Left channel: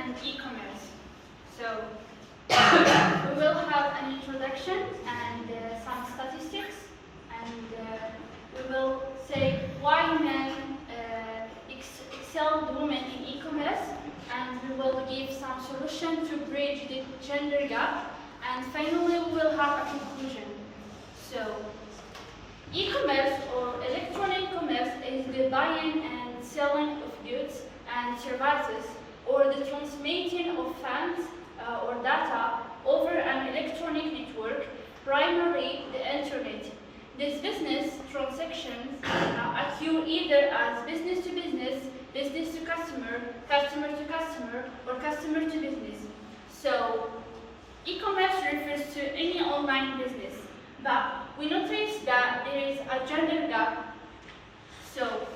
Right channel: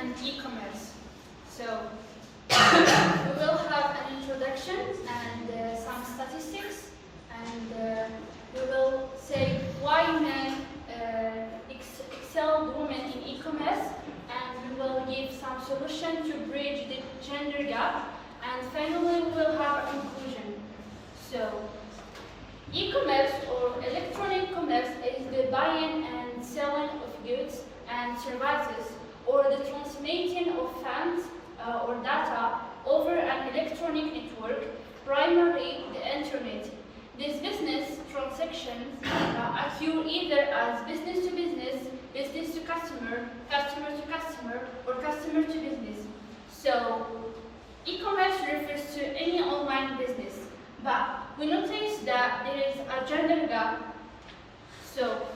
and e-commerce. So we will have an introduction and some statistics, and we will say why men excel women in e-commerce, and we will give some solution to bridge the gender gap, and finally we will have a conclusion. So, e-commerce or electronic commerce is the buying and selling of goods and services, or the transmitting of funds or data over an electronic network, primarily the internet. These business transactions occur either as business to business, business to customer, customer to customer, or customer to business. So, e-commerce refers to any online business, but we notice that there is a gender gap. So,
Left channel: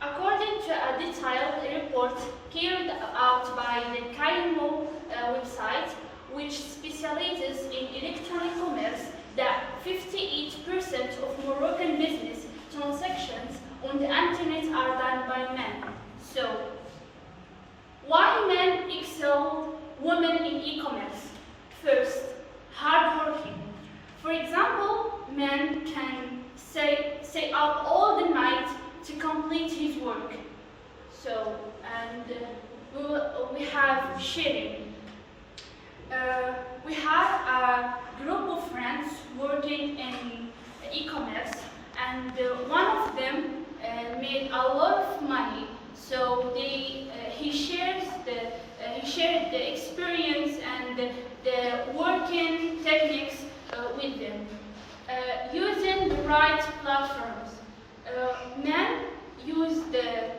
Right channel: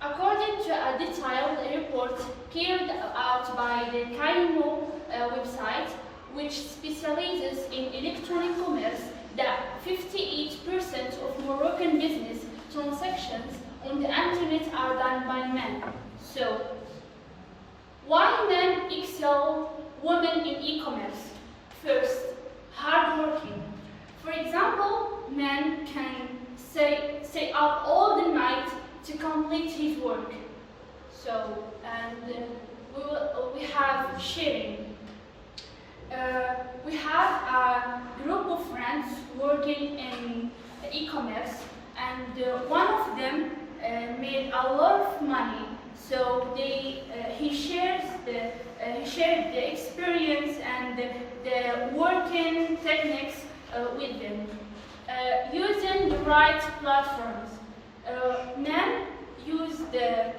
according to a detailed report carried out by the Kaimo website, which specializes in electronic commerce, that 58% of Moroccan business transactions on the internet are done by men. So, why men excel women in e-commerce? First, hardworking. For example, men can stay up all the night to complete his work. So, and we have sharing. We have a group of friends working in e-commerce, and one of them made a lot of money. So he shared the experience and the working techniques with them, using the right platforms. Men use the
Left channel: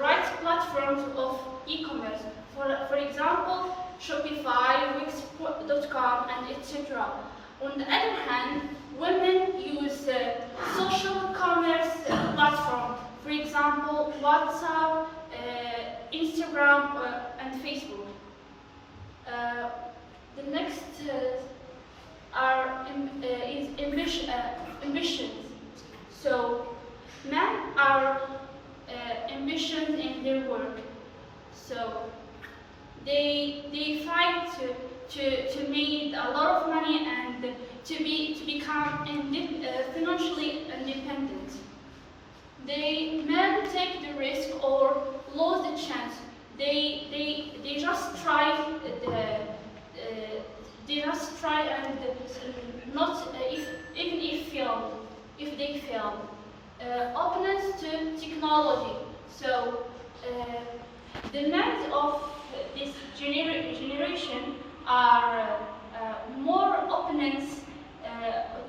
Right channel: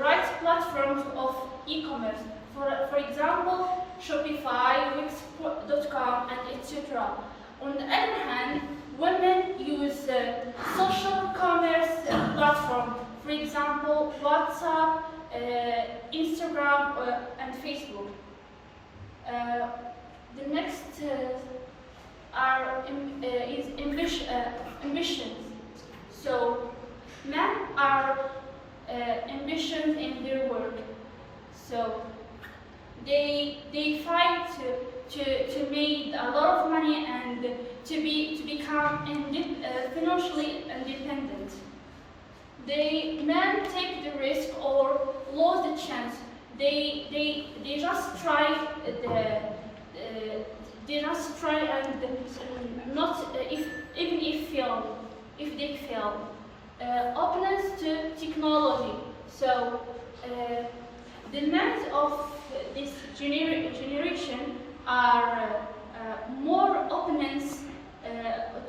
right platforms of e-commerce. For example, Shopify, Wix.com, and etc. On the other hand, women use social commerce platform. For example, WhatsApp, Instagram, and Facebook. The next is ambitions. So, men are ambitious in their work. So, they fight to make a lot of money and to become financially independent. Men take the risk or lose the chance. They just try and not even if they fail. Openness to technology. So the men of this generation are more openness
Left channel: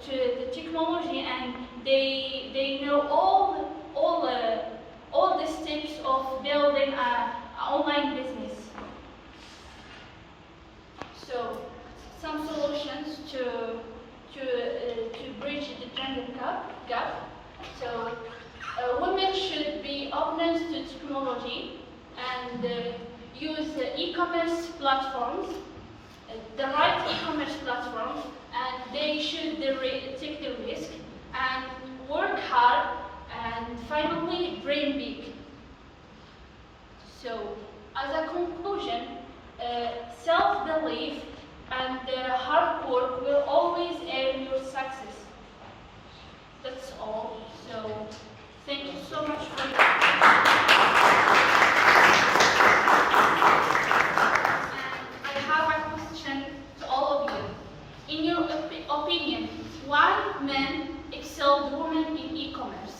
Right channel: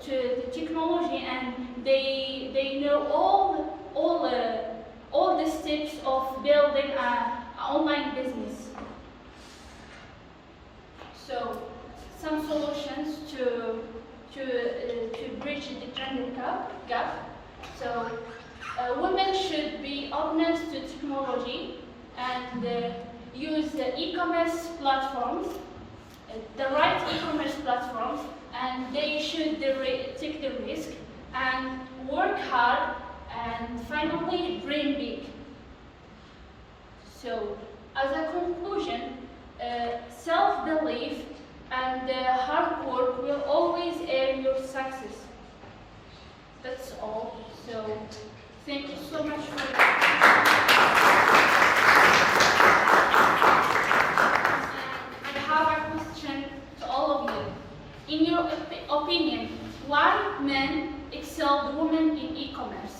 to the technology, and they know all the steps of building an online business. So, some solutions to bridge the gender gap. So, women should be open to technology and use e-commerce platforms, the right e-commerce platforms, and they should take the risk and work hard and finally dream big. So, as a conclusion, self-belief and hard work will always earn your success. That's all. So, thank you so much for your And I have a question to all of you. In your opinion, why men excel women in e-commerce?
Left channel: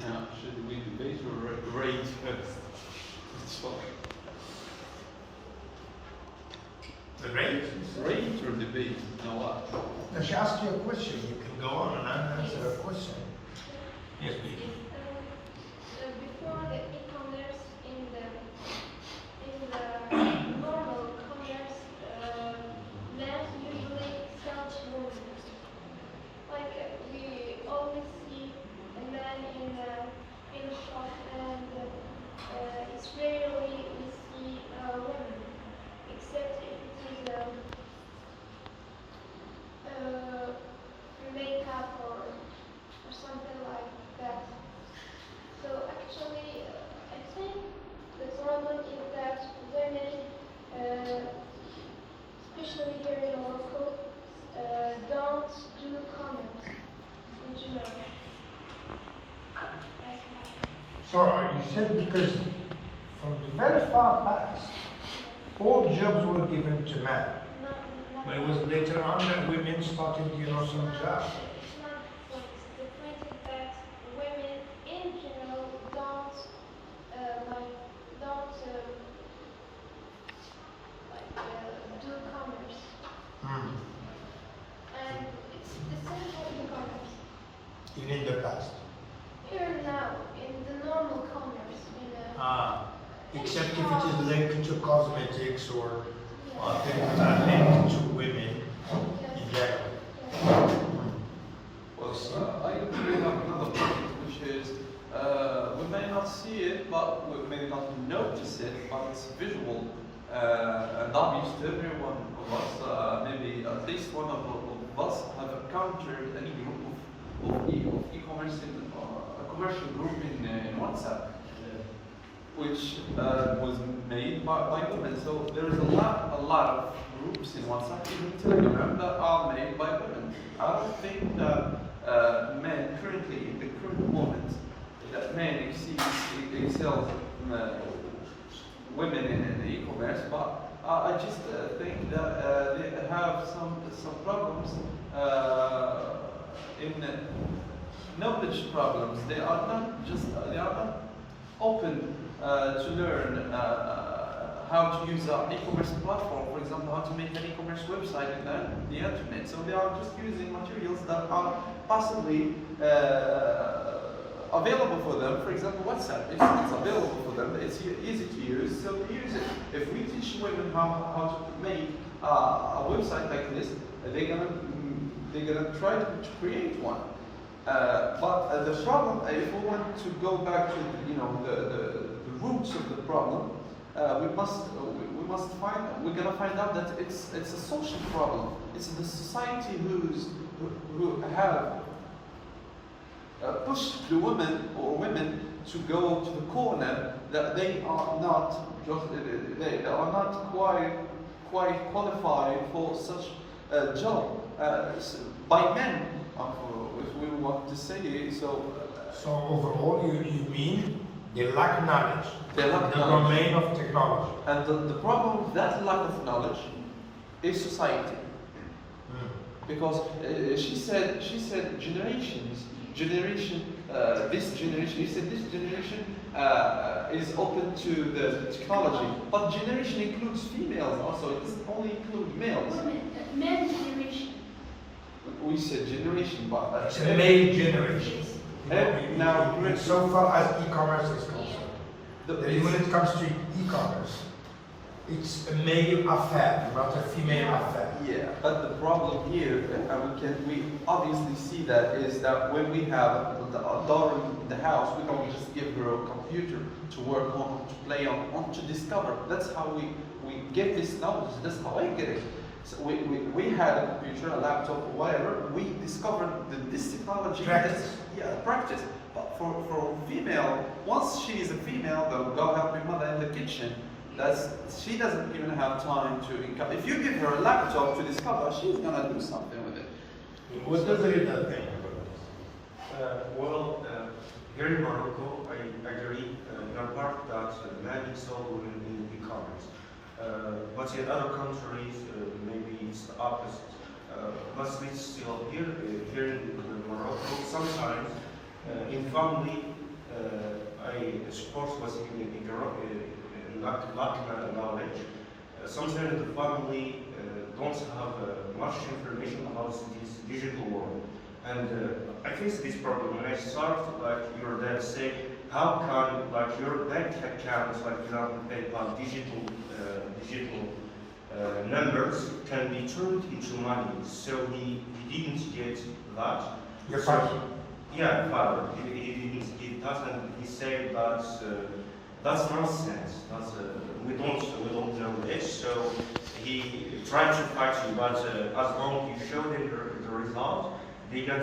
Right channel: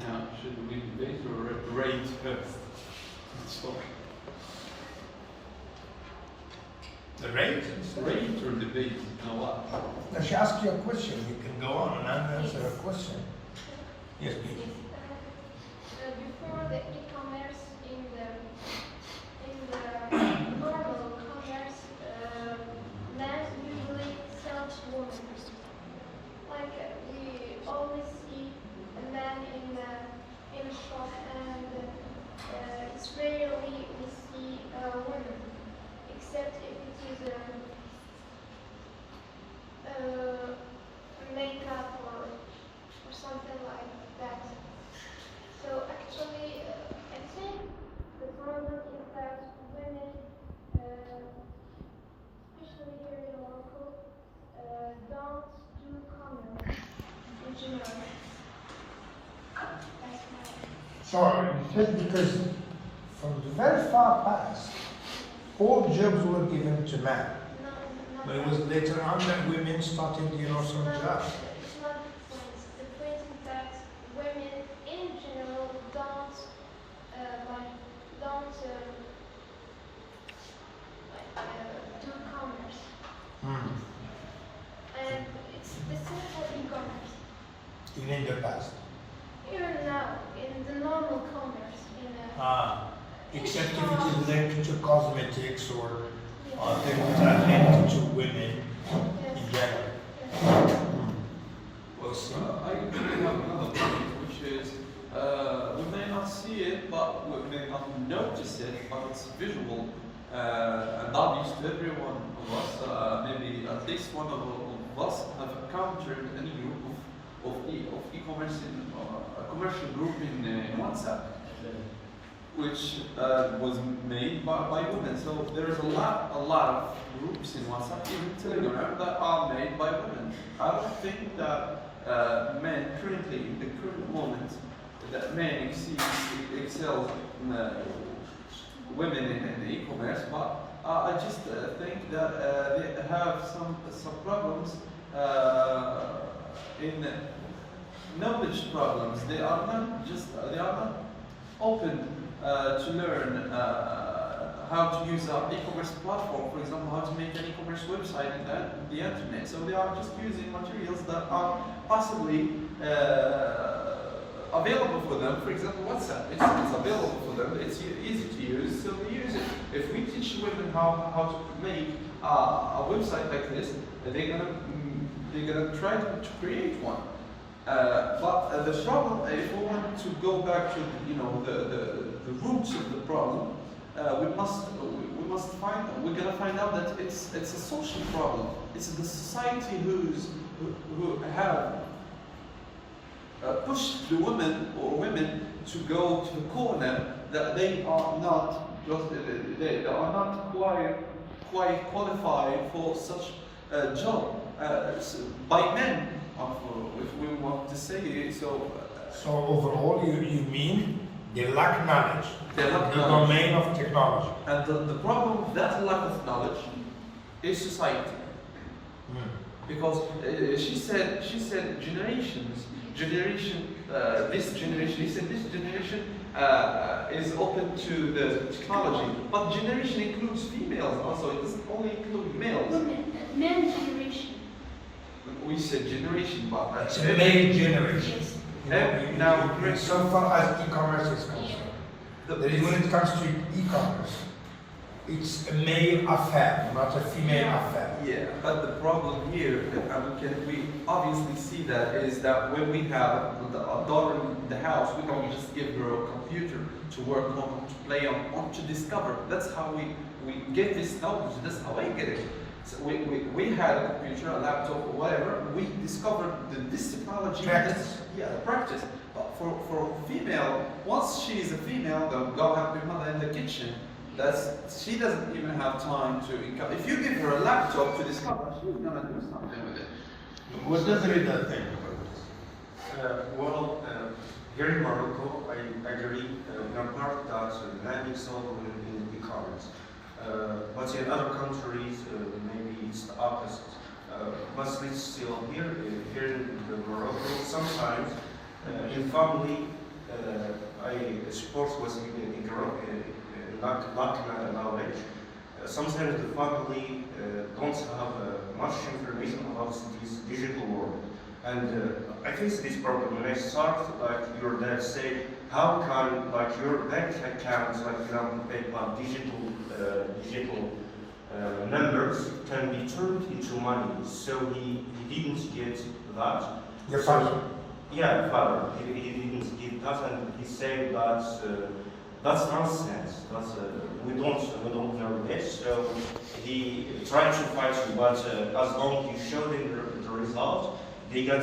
Now, should we debate or rate first? Sorry. The rate? Rate or debate? Now what? Now she asked you a question. You can go on and answer a question. Yes, please. Before the e-commerce in the normal commerce, men usually sell to women. Like we always see a man in a shop, and it's rarely we see a woman, except if it is makeup or something like that. That's why. So you said because from the very far past, all jobs were given to men. Not, But it was later on that women started, some It's not- jobs. It's not the critic that women in general don't do commerce, Hmm. and it's the same for e-commerce. Even in the past. Even now, in the normal commerce, Except if it is linked to cosmetics or yeah. things that are linked to women Yes. in general. Yes. Well, I actually have another point, which is we may not see it, but we may not notice it, but it's visual and obvious to every one of us. Maybe at least one of us have encountered any group of e-commerce in a commercial group in WhatsApp, which was made by women. So there is a lot of groups in WhatsApp, even Telegram, that are made by women. I don't think that men currently, in the current moment, that men excel women in the e-commerce, but I just think that they have some problems in knowledge problems. They are not open to learn how to use an e-commerce platform, for example, how to make an e-commerce website in the internet. So they are just using materials that are possibly available for them. For example, WhatsApp, it's available for them, it's easy to use, so they use it. If we teach women how to make a website like this, they're gonna try to create one. But the problem, if we want to go back to the roots of the problem, we're gonna find out that it's a social problem. It's the society who have pushed the women to go to the corner that they are not quite qualified for such a job by men. If we want to say it, so. So overall, you mean they lack knowledge. They lack the knowledge. domain of technology. And the problem with that lack of knowledge is society. Because she said this generation is open to the technology, but generation includes females also. It doesn't only include males. Men generation. We said generation, but It's a male generation. Yes. Now, So far as e-commerce is concerned. When it comes to e-commerce, it's a male affair, not a female affair. Yeah, but the problem here, and we obviously see that, is that when we have a daughter in the house, we don't just give her a computer to work on, to play on, to discover. That's how we get this knowledge. That's how I get it. So we had a computer, a laptop, or whatever. We discovered this technology. Practice. Practice. But for female, once she is a female, they'll go help your mother in the kitchen. She doesn't even have time to income. If you give her a laptop to discover, she's gonna do something with it. What does it think about this? Here in Morocco, I agree in part that men excel women in e-commerce. But in other countries, maybe it's the opposite. Mostly still here in Morocco, sometimes in family, I support was lack knowledge. Sometimes the family don't have much information about this digital world. And I face this problem when I start, like your dad said, how can your bank accounts, like for example PayPal, digital numbers can be turned into money. So he didn't get that. Your father? Yeah, father. He didn't get that, and he said that that's nonsense. We don't know this. So he tried to fight you, but as long as you show them the result, they get